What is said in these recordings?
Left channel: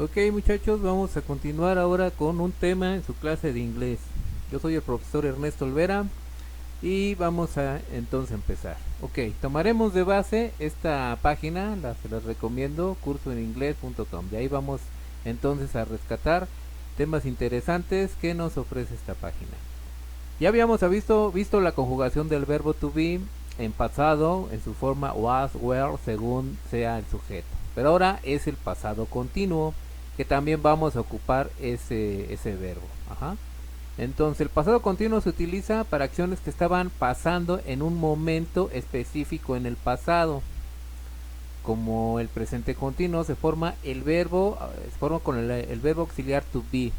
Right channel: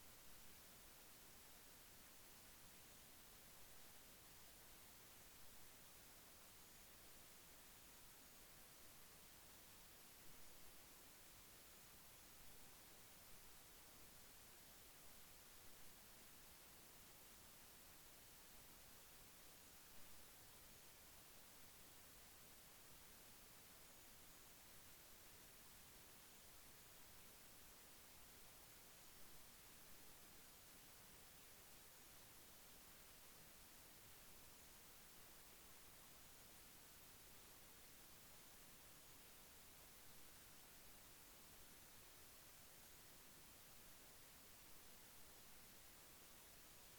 Ok, muchachos, vamos a continuar ahora con un tema en su clase de inglés. Yo soy el profesor Ernesto Olvera y vamos a entonces empezar. Ok, tomaremos de base esta página, se las recomiendo, cursoeninglés.com. De ahí vamos entonces a rescatar temas interesantes que nos ofrece esta página. Ya habíamos visto la conjugación del verbo to be en pasado, en su forma was, were, según sea el sujeto. Pero ahora es el pasado continuo, que también vamos a ocupar ese verbo. Ajá. Entonces, el pasado continuo se utiliza para acciones que estaban pasando en un momento específico en el pasado. Como el presente continuo se forma con el verbo auxiliar to be,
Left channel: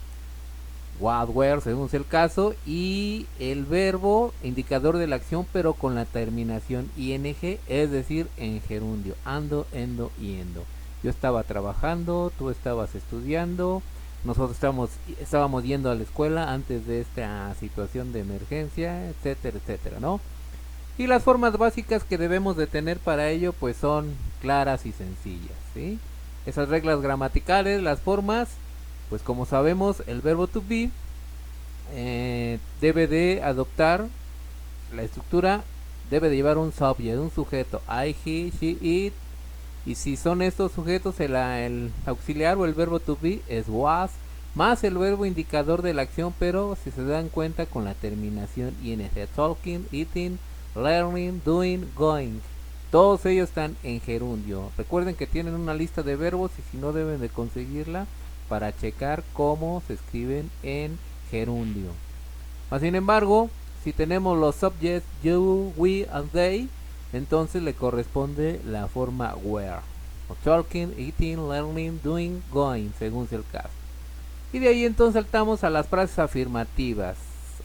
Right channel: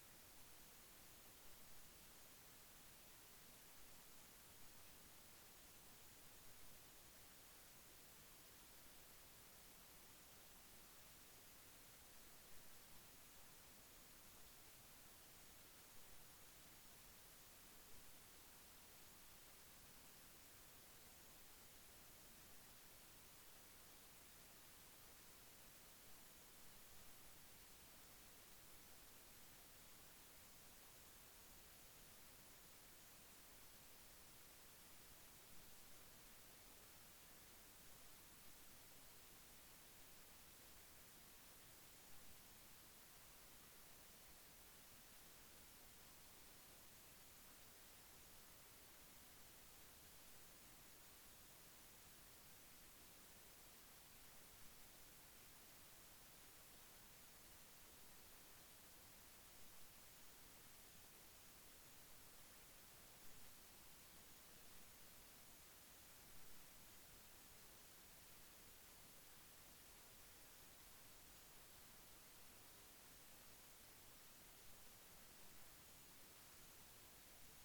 what, where, según sea el caso, y el verbo indicador de la acción, pero con la terminación ing, es decir, en gerundio, ando, endo, yendo. Yo estaba trabajando, tú estabas estudiando, nosotros estábamos yendo a la escuela antes de esta situación de emergencia, etcétera, etcétera, ¿no? Y las formas básicas que debemos de tener para ello, pues son claras y sencillas, ¿sí? Esas reglas gramaticales, las formas, pues como sabemos, el verbo to be debe de adoptar la estructura, debe de llevar un subject, un sujeto, I, he, she, it, y si son estos sujetos, el auxiliar o el verbo to be es was, más el verbo indicador de la acción, pero si se dan cuenta con la terminación ing, talking, eating, learning, doing, going. Todos ellos están en gerundio. Recuerden que tienen una lista de verbos y si no deben de conseguirla para checar cómo se escriben en gerundio. Mas sin embargo, si tenemos los subjects you, we and they, entonces le corresponde la forma where. Talking, eating, learning, doing, going, según sea el caso. Y de ahí entonces saltamos a las frases afirmativas.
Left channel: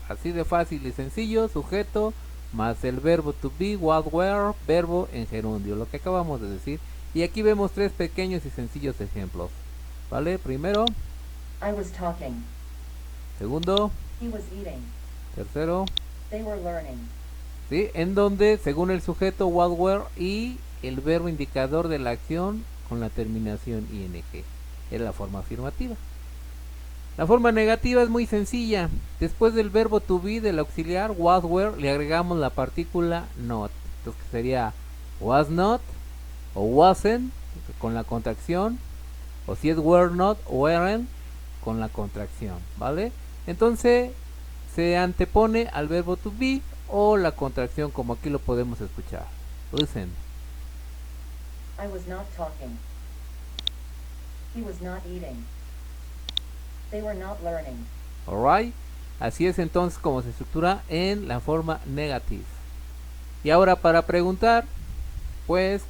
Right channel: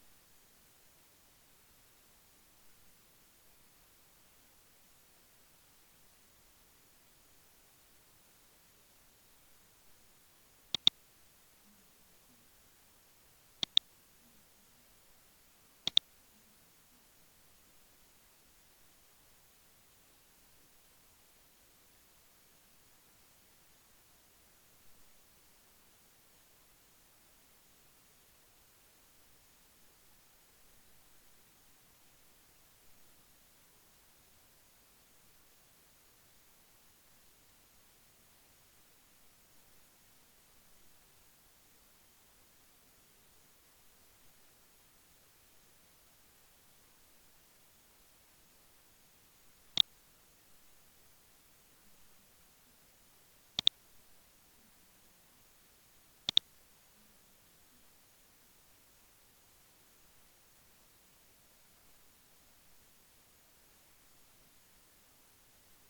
Así de fácil y sencillo, sujeto más el verbo to be, what, where, verbo en gerundio, lo que acabamos de decir. Y aquí vemos tres pequeños y sencillos ejemplos. ¿Vale? Primero, I was talking. segundo, He was eating. tercero, They were learning. ¿sí? En donde, según el sujeto, what, where y el verbo indicador de la acción con la terminación ing. Es la forma afirmativa. La forma negativa es muy sencilla. Después del verbo to be del auxiliar was, were, le agregamos la partícula not. Entonces sería was not o wasn't con la contracción. O si es were not, weren't con la contracción. ¿Vale? Entonces se antepone al verbo to be o la contracción como aquí lo podemos escuchar. Listen. I was not talking. He was not eating. They were not learning. Alright. Así es entonces como se estructura en la forma negative. Y ahora para preguntar, pues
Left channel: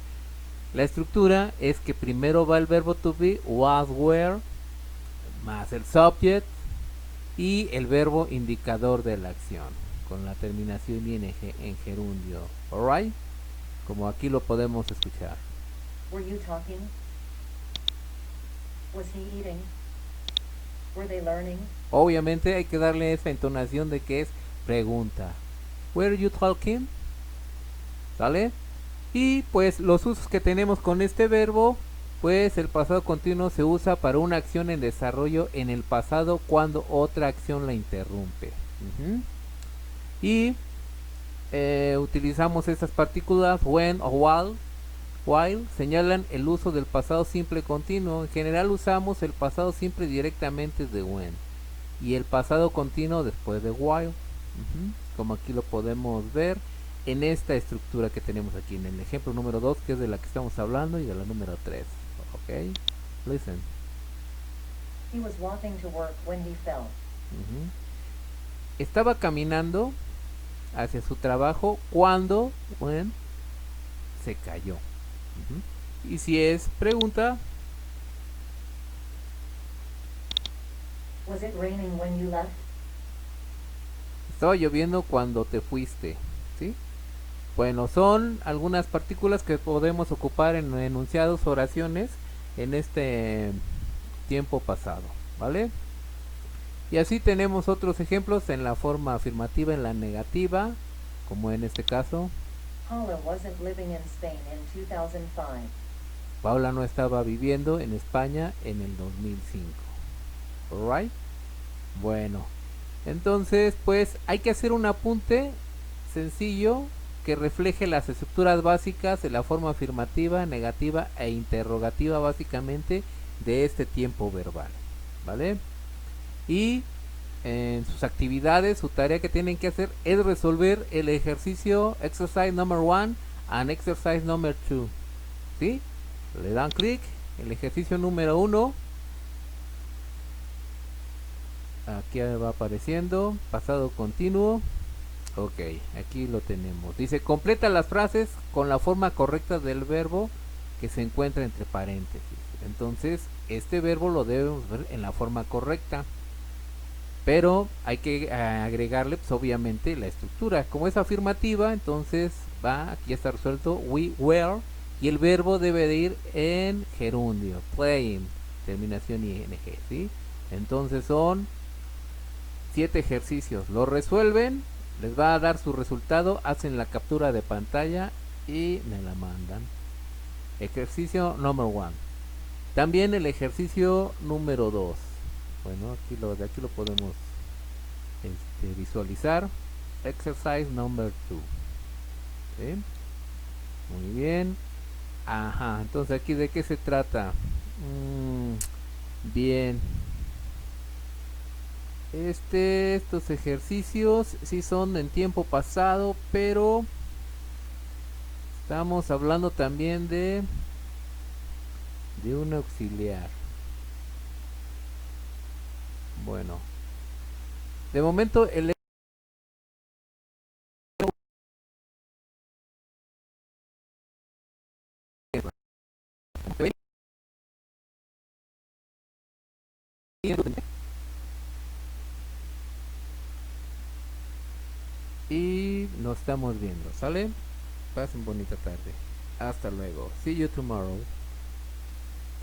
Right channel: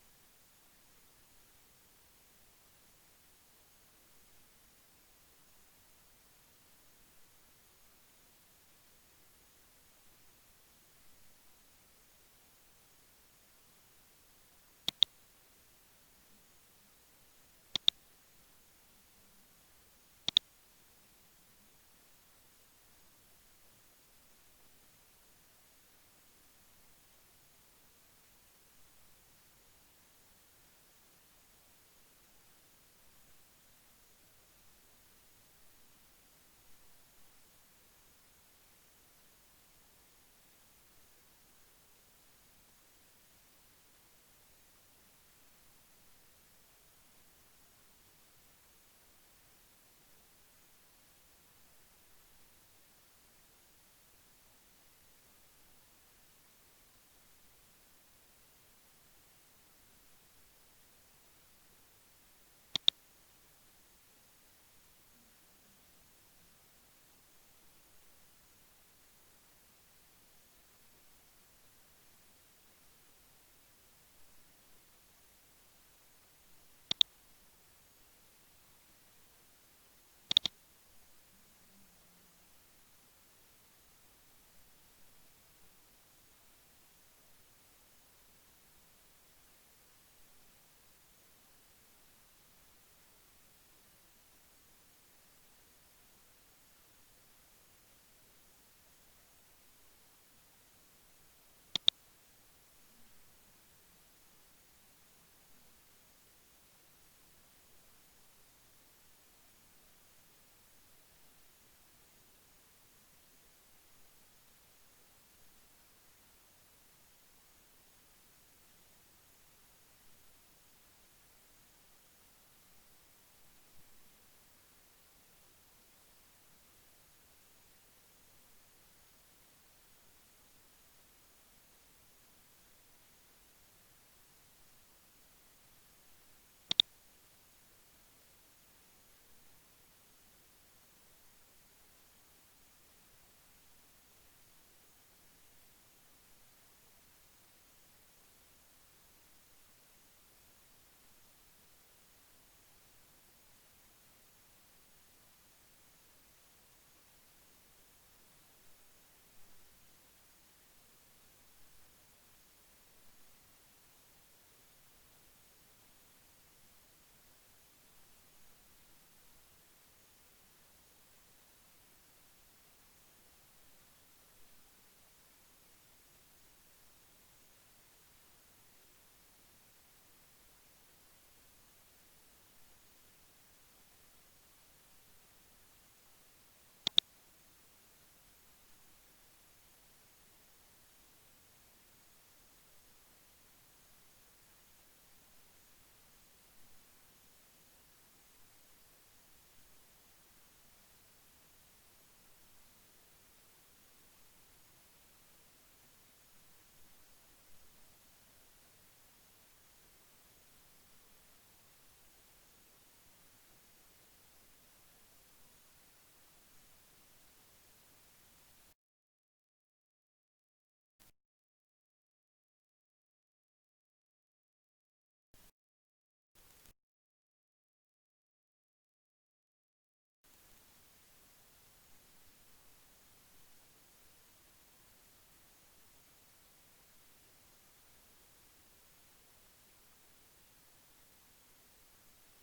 la estructura es que primero va el verbo to be, was, were, más el subject y el verbo indicador de la acción, con la terminación ing en gerundio. Alright. Como aquí lo podemos escuchar. Were you talking? Was he eating? Were they learning? Obviamente hay que darle esa entonación de que es pregunta. Were you talking? ¿Sale? Y pues los usos que tenemos con este verbo, pues el pasado continuo se usa para una acción en desarrollo en el pasado cuando otra acción la interrumpe. Y utilizamos estas partículas when o while señalan el uso del pasado simple continuo. En general usamos el pasado simple directamente de when y el pasado continuo después de while. Como aquí lo podemos ver en esta estructura que tenemos aquí en el ejemplo número 2, que es de la que estamos hablando, y de la número 3. Ok, listen. He was walking to work when he fell. Ujú. Estaba caminando hacia su trabajo cuando, when, se cayó. Y si es pregunta, Was it raining when you left? estaba lloviendo cuando te fuiste, ¿sí? Bueno, son algunas partículas que podemos ocupar en enunciados, oraciones, en este tiempo pasado, ¿vale? Y así tenemos otros ejemplos en la forma afirmativa, en la negativa, como en este caso. Paula wasn't living in Spain in 2005. Paula no estaba viviendo en España en el 2005. Alright. Bueno, entonces pues hay que hacer un apunte sencillo que refleje las estructuras básicas de la forma afirmativa, negativa e interrogativa básicamente de este tiempo verbal, ¿vale? Y en sus actividades, su tarea que tienen que hacer es resolver el ejercicio exercise number 1 and exercise number 2, ¿sí? Le dan clic, el ejercicio número 1, aquí va apareciendo, pasado continuo. Ok, aquí lo tenemos. Dice, completa las frases con la forma correcta del verbo que se encuentra entre paréntesis. Entonces, este verbo lo debemos ver en la forma correcta. Pero hay que agregarle, pues, obviamente, la estructura. Como es afirmativa, entonces va, aquí está resuelto, we were. Y el verbo debe de ir en gerundio, playing, terminación ing, ¿sí? Entonces son 7 ejercicios. Lo resuelven, les va a dar su resultado, hacen la captura de pantalla y me la mandan. Ejercicio número 1. También el ejercicio número 2. Bueno, de aquí lo podemos visualizar. Exercise number 2. ¿Sí? Muy bien. Ajá, entonces aquí de qué se trata. Bien. Estos ejercicios sí son en tiempo pasado, pero estamos hablando también de un auxiliar. Bueno, de momento el y nos estamos viendo, ¿sale? Pasen bonita tarde. Hasta luego. See you tomorrow.